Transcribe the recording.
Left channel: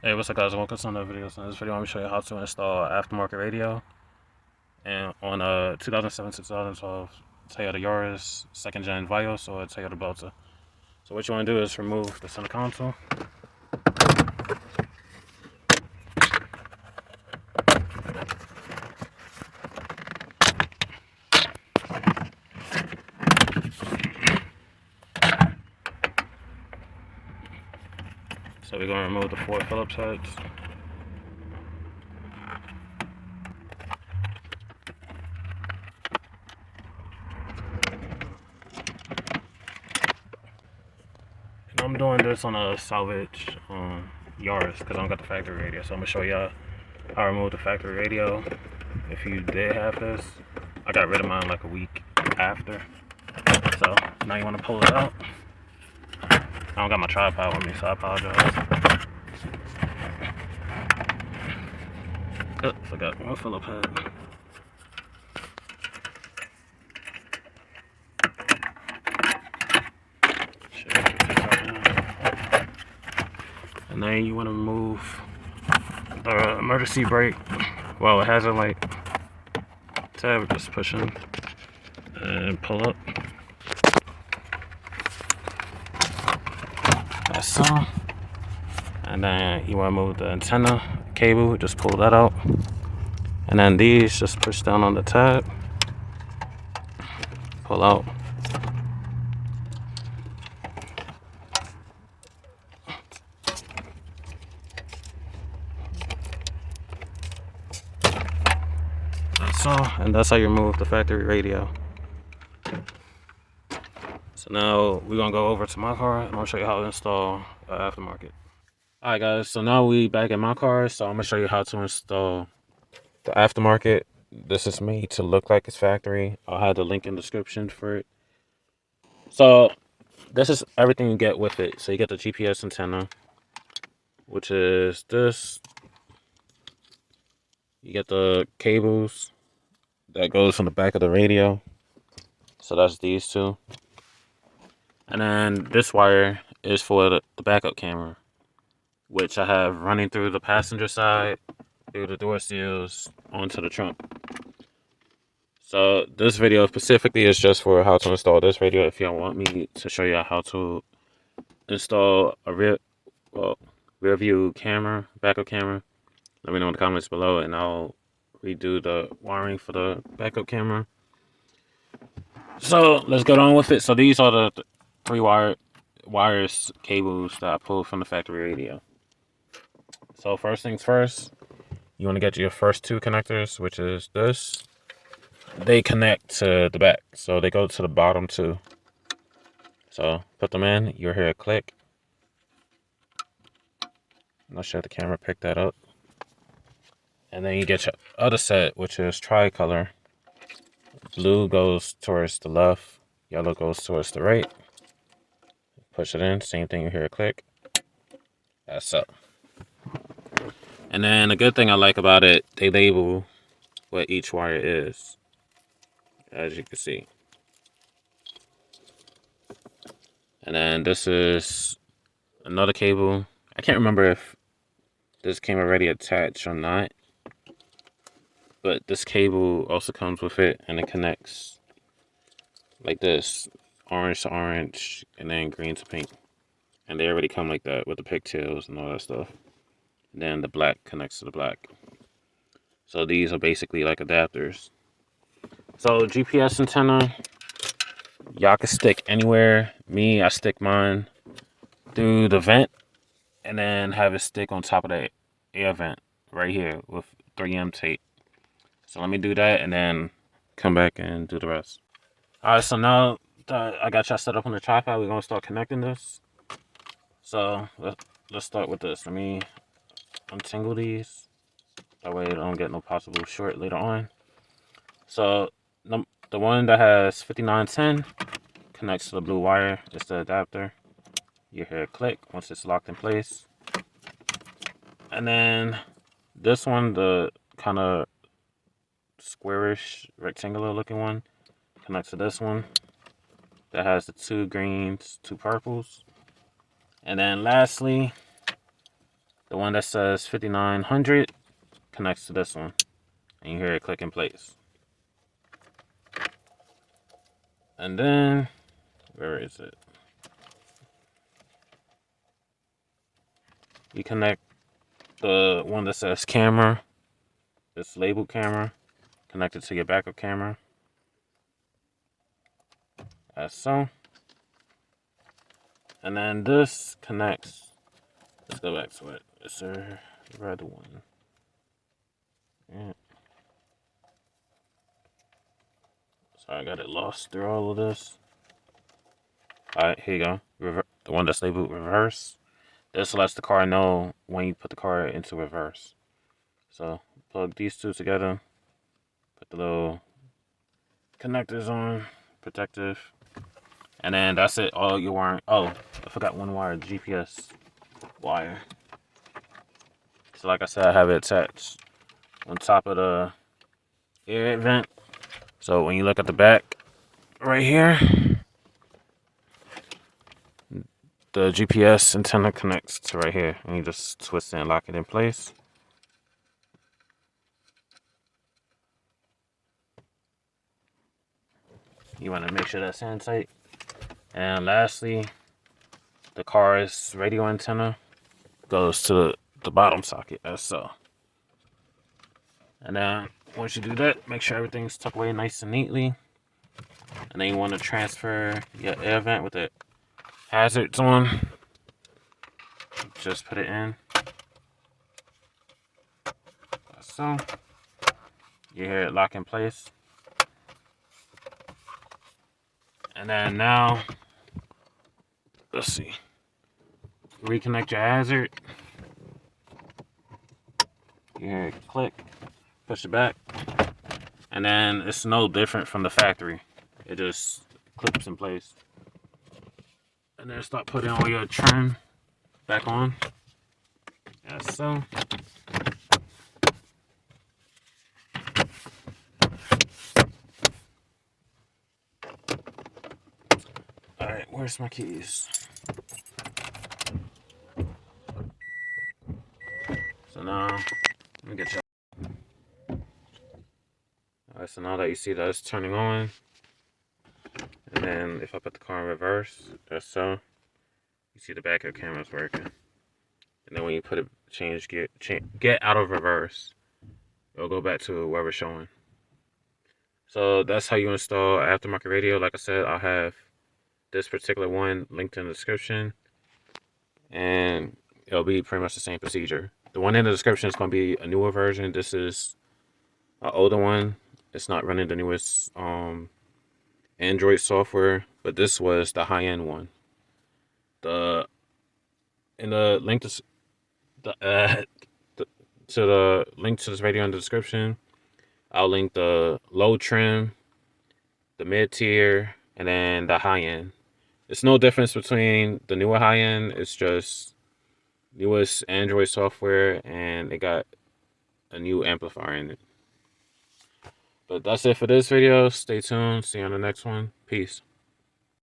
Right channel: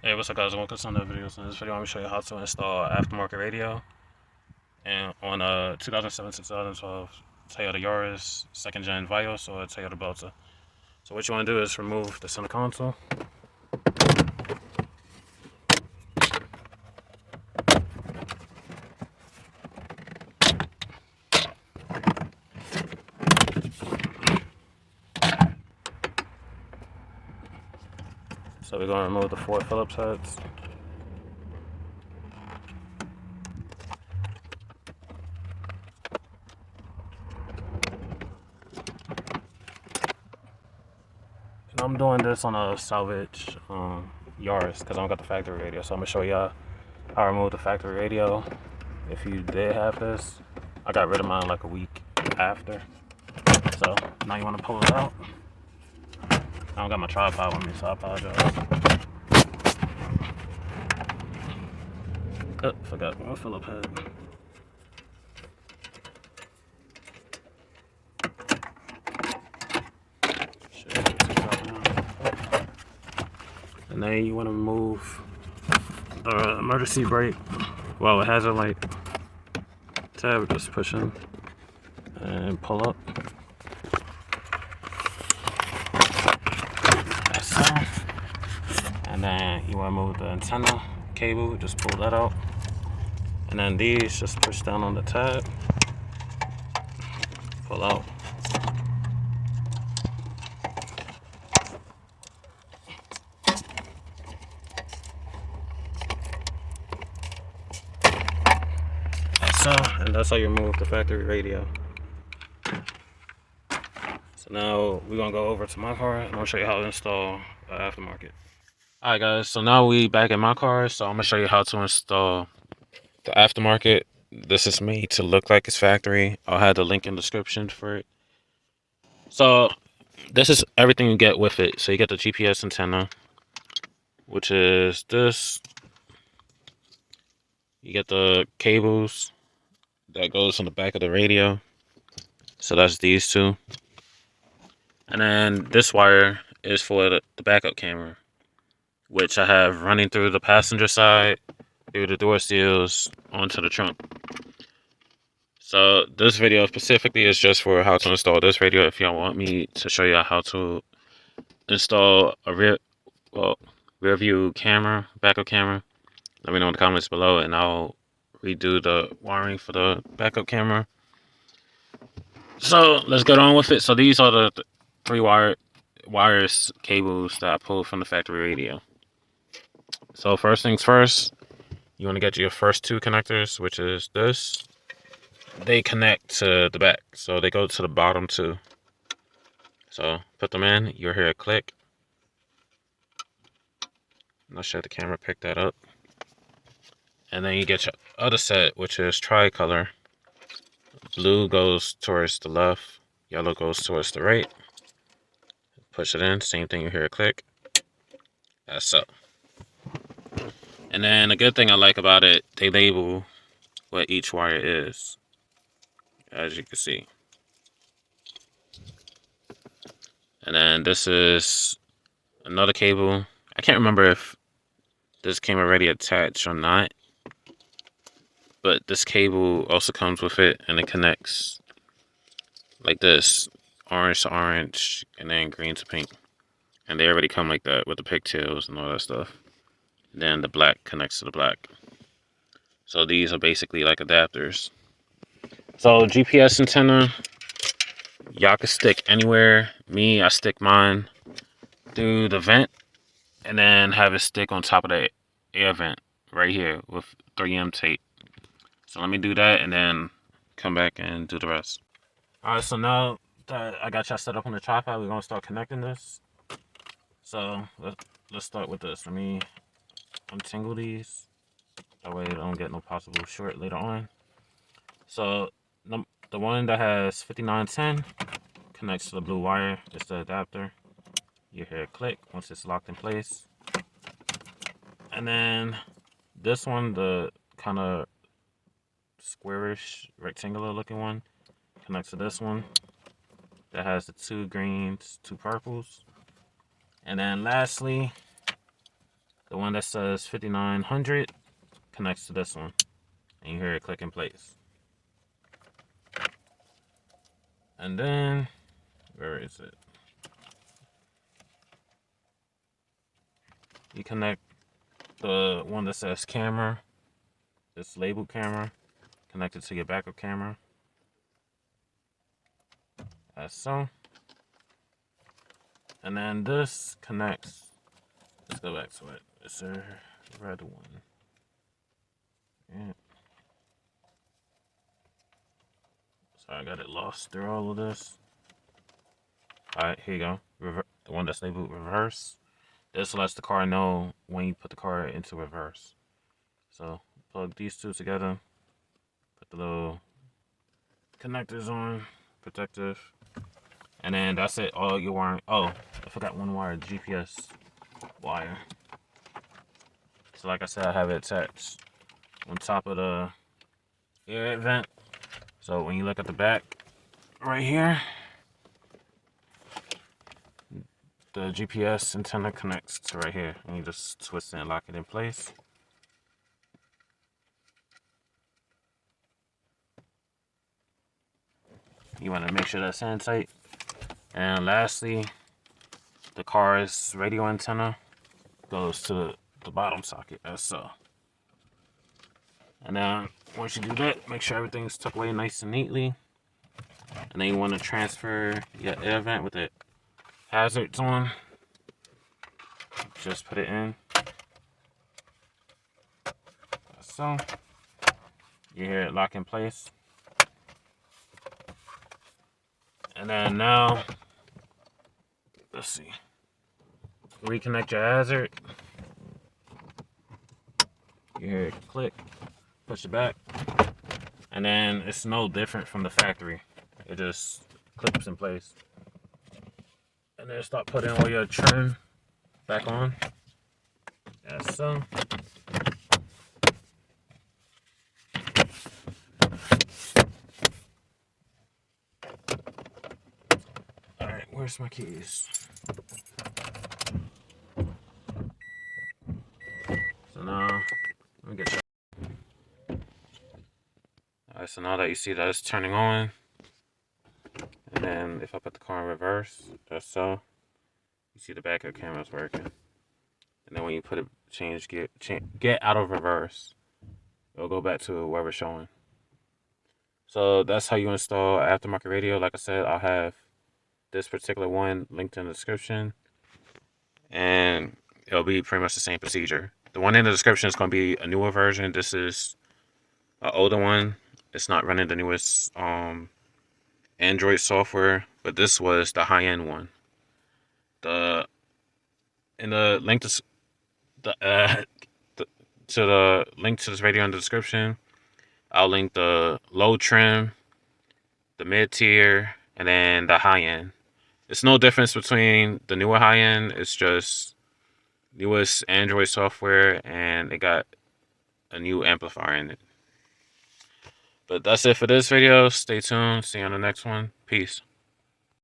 Hey, what's up guys? Welcome to another video. So in this video, I'm going to show you how to install aftermarket radio and on a 2007-2012 Toyota Yaris second gen Vios or Toyota Belta. So what you want to do is remove the center console. So we're going to remove the 4 Phillips heads. And I'm doing this on a salvage Yaris because I don't got the factory radio. So I'm going to show y'all how I remove the factory radio. If you did have this, I got rid of mine like a week after. So now you want to pull it out. I don't got my tripod with me, so I apologize. Oh, forgot one Phillips head. And then you want to remove the emergency brake. Well, it has a like tab, just push in and pull up. Like so. And then you want to move the antenna cable, just pull that out. And then these, just push down on the tab, pull out. Like so, and that's how you remove the factory radio. So now we're gonna go over to my car and I'll show you how to install aftermarket. Alright guys, so now we back in my car, so I'm gonna show you how to install the aftermarket. This is made to look like it's factory. I'll have the link in the description for it. So this is everything you get with it. So you get the GPS antenna, which is this. You get the cables that goes on the back of the radio. So that's these two. And then this wire is for the backup camera, which I have running through the passenger side, through the door seals, onto the trunk. So this video specifically is just for how to install this radio. If y'all want me to show you how to install a rear view camera, backup camera, let me know in the comments below and I'll redo the wiring for the backup camera. So let's get on with it. So these are the three wires cables that I pulled from the factory radio. So first things first, you want to get your first two connectors, which is this. They connect to the back, so they go to the bottom too. So put them in, you'll hear a click. Not sure the camera picked that up. And then you get your other set, which is tricolor. Blue goes towards the left, yellow goes towards the right. Push it in, same thing, you hear a click. That's up. And then the good thing I like about it, they label what each wire is, as you can see. And then this is another cable. I can't remember if this came already attached or not, but this cable also comes with it and it connects like this, orange to orange and then green to pink. And they already come like that with the pigtails and all that stuff. And then the black connects to the black. So these are basically like adapters. So GPS antenna, y'all can stick anywhere. Me, I stick mine through the vent and then have it stick on top of the air vent right here with 3M tape. So let me do that and then come back and do the rest. Alright, so now that I got y'all set up on the tripod, we're going to start connecting this. So let's start with this. Let me untangle these. That way I don't get no possible short later on. So the one that has 5910 connects to the blue wire. It's the adapter. You hear a click once it's locked in place. And then this one, the kind of squarish, rectangular looking one, connects to this one that has the two greens, two purples. And then lastly, The one that says 5900 connects to this one. And you hear it click in place. And then, where is it? You connect the one that says camera, this labeled camera, connected to your backup camera. As so. And then this connects. Let's go back to it. It's a red one. Yeah. So I got it lost through all of this. Alright, here you go. The one that's labeled reverse. This lets the car know when you put the car into reverse. So plug these two together. Put the little connectors on. Protective. And then that's it. All your wiring. Oh, I forgot one wire. GPS wire. So like I said, I have it attached on top of the air vent. So when you look at the back right here, the GPS antenna connects to right here. And you just twist it and lock it in place. You want to make sure that's in tight. And lastly, the car's radio antenna goes to the bottom socket as so. And then once you do that, make sure everything's tucked away nice and neatly. And then you want to transfer your air vent with the hazards on. Just put it in. So you hear it lock in place. And then now, let's see. Reconnect your hazard. You hear it click. Push it back. And then it's no different from the factory. It just clips in place. And then start putting all your trim back on. As so. Alright, where's my keys? So now, let me get you. Alright, so now that you see that it's turning on, and then if I put the car in reverse, that's so, you see the backup camera's working. And then when you put it, get out of reverse, it'll go back to where we're showing. So that's how you install an aftermarket radio. Like I said, I'll have this particular one linked in the description, and it'll be pretty much the same procedure. The one in the description is going to be a newer version. This is an older one. It's not running the newest Android software, but this was the high-end one. In the link to the link to this radio in the description, I'll link the low trim, the mid tier, and then the high end. It's no difference between the newer high end. It's just newest Android software, and it got a new amplifier in it. But that's it for this video. Stay tuned. See you on the next one. Peace.